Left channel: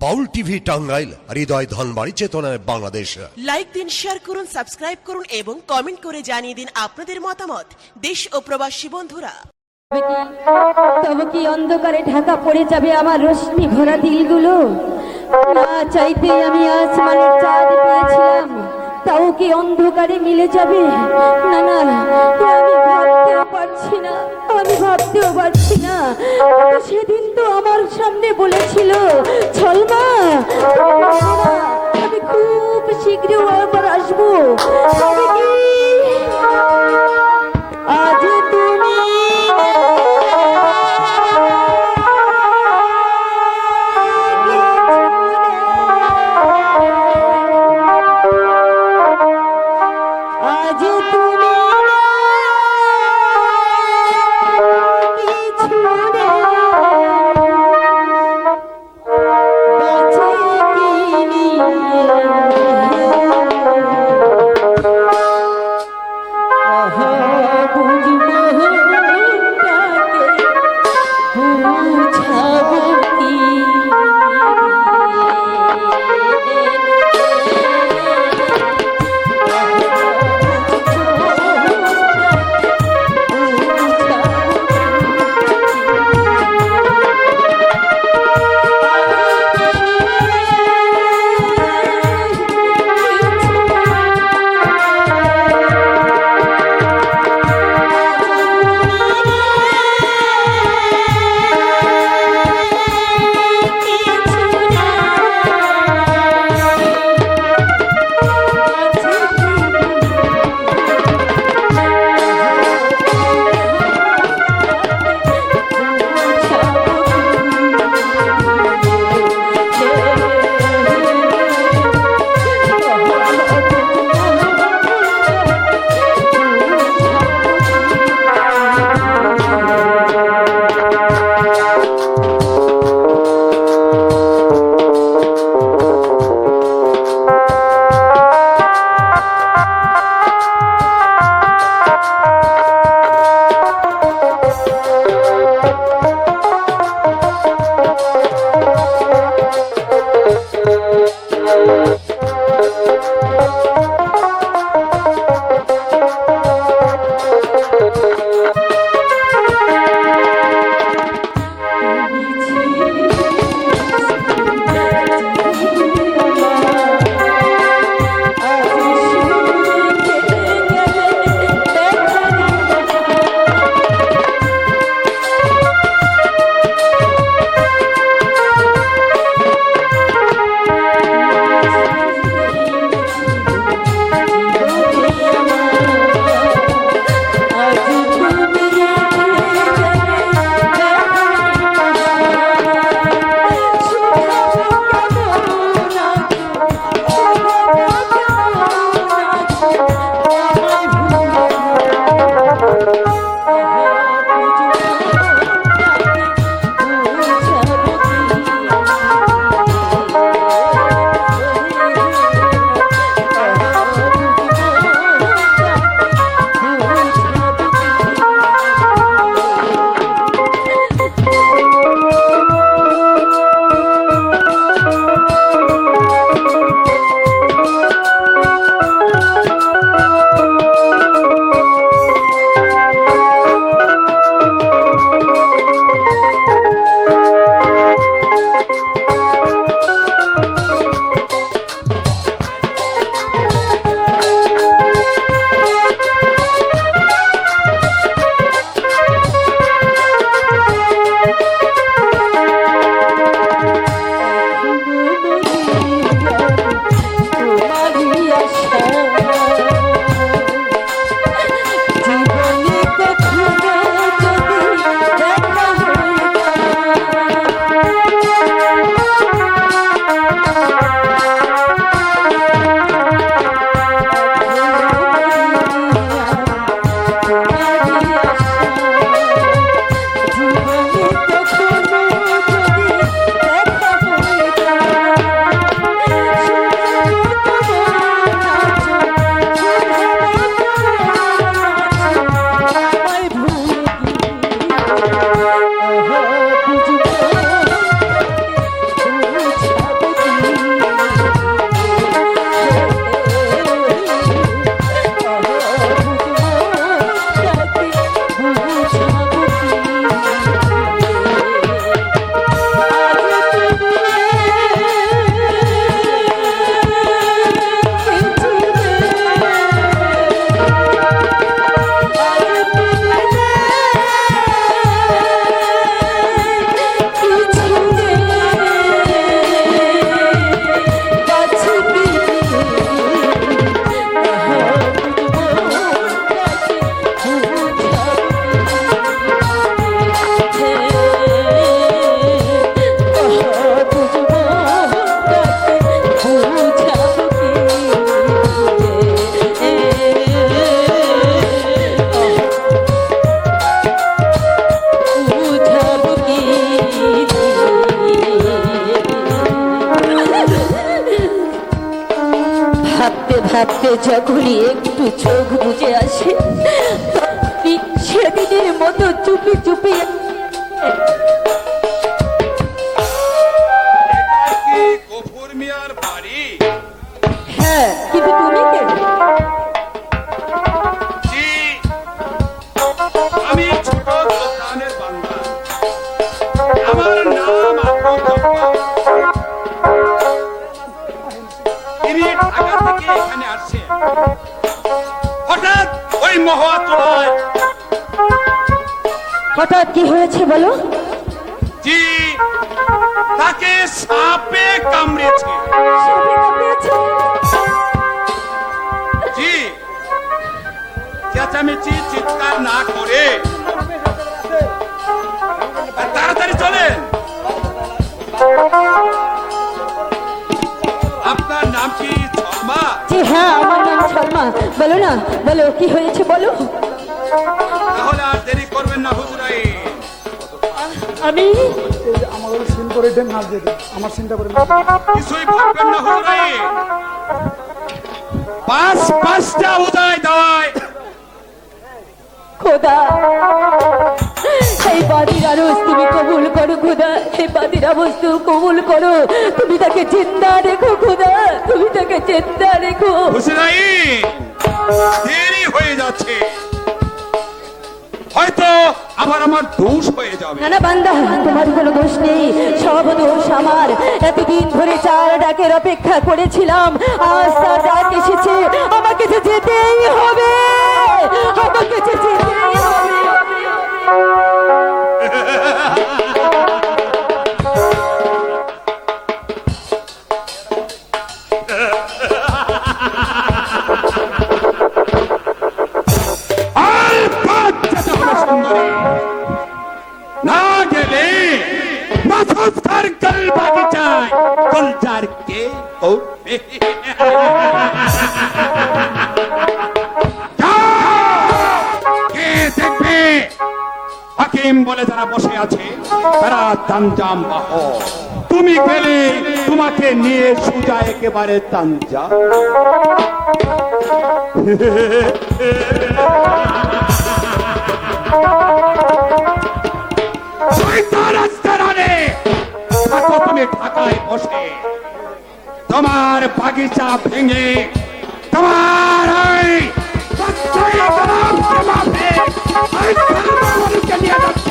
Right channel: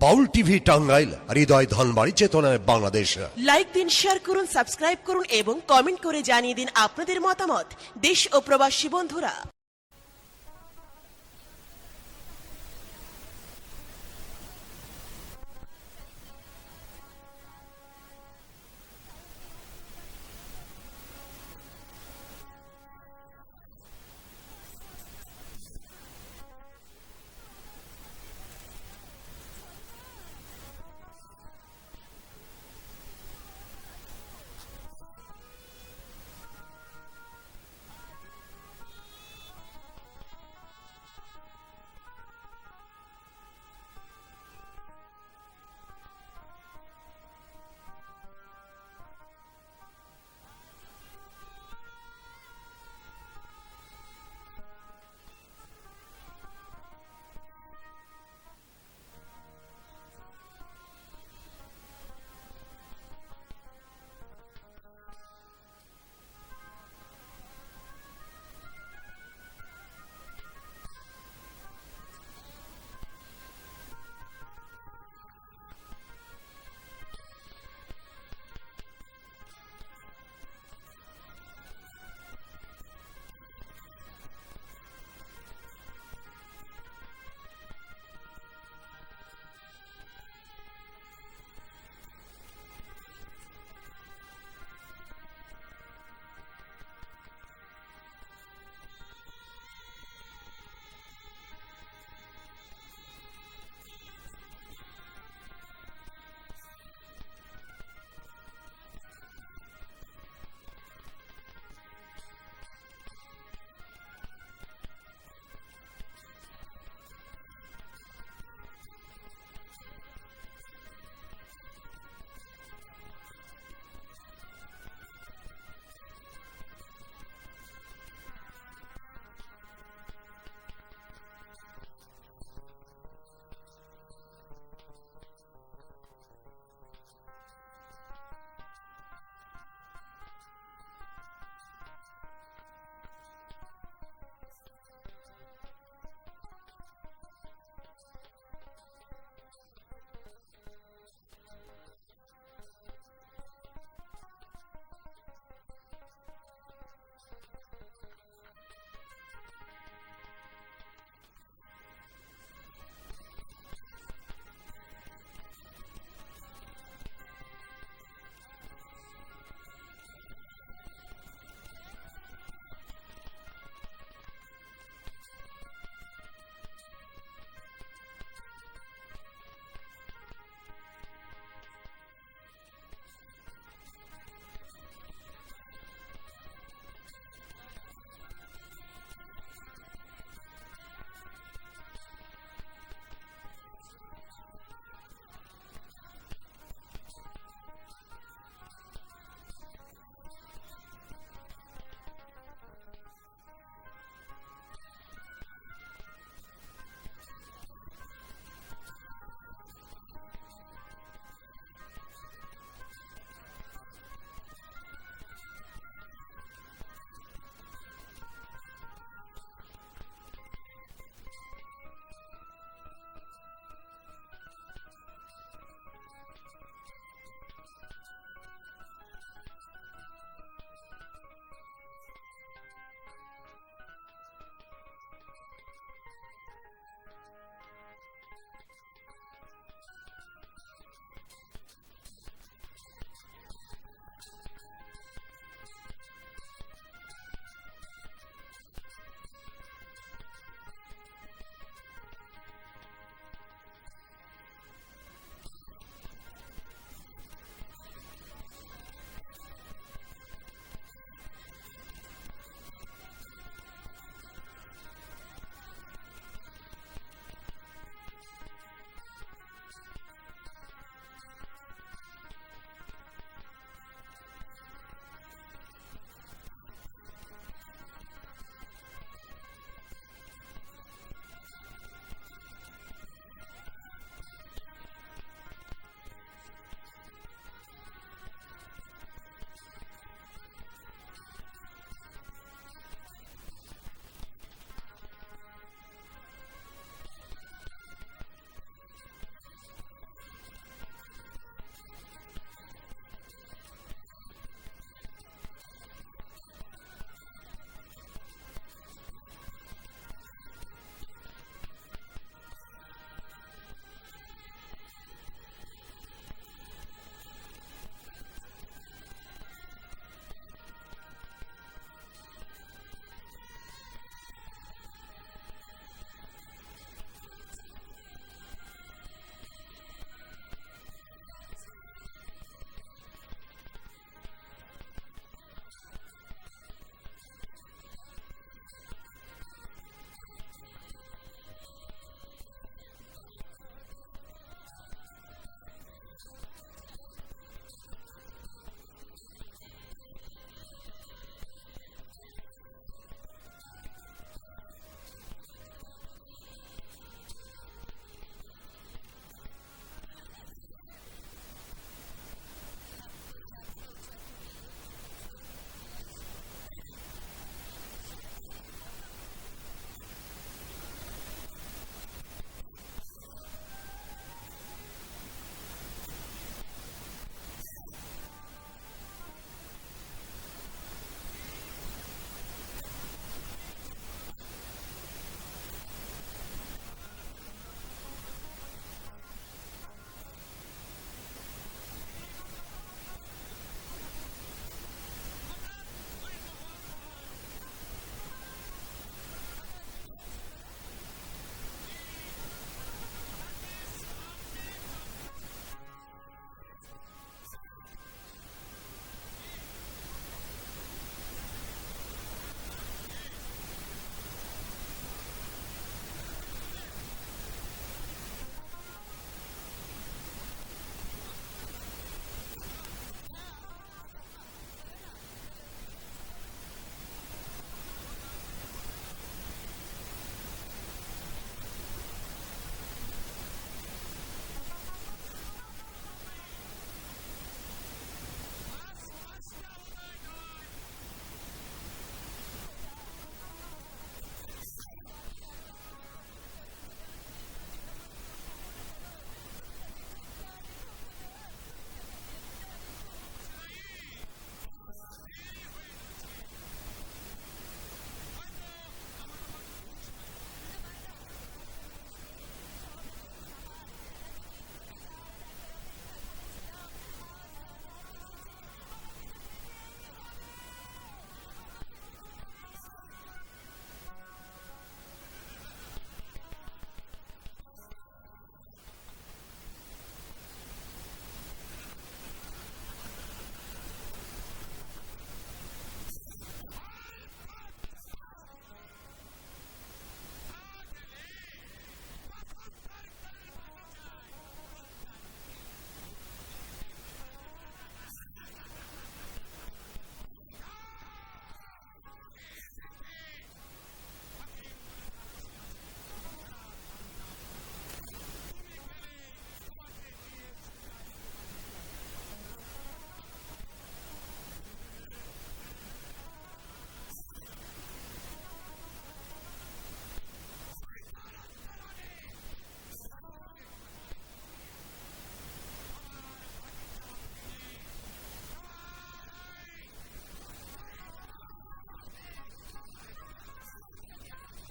বাউল TV Tangail, হৃদয় ধনবাড়ি, চেতনায় Bangladesh. Like দিন, share করুন, সাবস্ক্রাইব করুন এবং কমেন্ট করে জানিয়ে দিন আপনাদের মতামত। দেশ ও প্রবাসী বন্ধুরা, তবে কি অন্ধকারে ঢাকা পড়ে যাবে আমার রশ্মি ভরা দিলগুলো? না চাইতেই আমি আসমানের চাঁদ পেয়েছিলাম, তাও কি অন্ধকারে মিলে যাবে? না না, আমি ভাবতেও পারছি না, আমি ভাবতেও পারছি না। সেদিন তো আমার সামনে বলেছিল, ছলমা আমি খুব শীঘ্রই আবার আসবো। তবে কি আজ তুমি আজ তুমি কিছু ভাবতে যখনই একটু চোখ বুজে আসে তখনই সেদিনের মতো চুপি চুপি এটা কি গফুর মিয়ার বাড়ি? হ্যাঁ, কিন্তু তুমি কে? জি, আমি ছোট সুলতানের বান্দা। আমার নাম আব্দুল জব্বার। তিনি ঢাকা থেকে এখানে আসছেন। হঠাৎ ওই মহাতলায় হঠাৎ কি হয়েছে বলো? জি, তাকে সাপে কামড়েছে। সাপে কামড়েছে? জি, চেঁচামেচি চিৎকার না করে তাড়াতাড়ি চলেন। আপনার নাম কি শর্মা? জি হ্যাঁ, আমার নাম শর্মা। বলো না, বলো কি হয়েছে বলো। তাহলে আর দেরি করবেন না হুজুরাই। আমি আমার সিন করে দেন, নাচ দিয়ে দেন, আমার সিনটা করে দেন। কিছুই ভাববেন না হুজুরাই। পাঁচটা উদয় দেওয়ায় খোদা, এই বাদির আরজ তুমি কবুল করো খোদা, এই বাদির বস্তু কবুল করো। তুমি তাকে জিন্দা রেখো খোদা, তুমি তাকে জিন্দা রেখো। হুজুরাই, দেরি হয়ে যাচ্ছে, হয়তো আবার আমার দোষ হয়ে যাবে। না না বান্দা, তোমার কোনো দোষ নেই, সব দোষ আমার। এতদিন ধরে চার ডাকের অপেক্ষা করেছিলাম, আজ তার ডাক এসেছে, আমাকে যে যেতেই হবে, আমাকে যে যেতেই হবে। না গেলে মাথুর গল বাগিচায় গুলজার কে করবে? কে দেখবে? হাকিম বলে যারা বসে আছে তারা তানজাম বাহ। তুমি গেলে তোমাকে নিয়ে সুজা একেবারে তানজা। তুমি ঢাকায় বসে তোমার বাগিচা ভেঙে তোমার নিয়ে যাচ্ছে।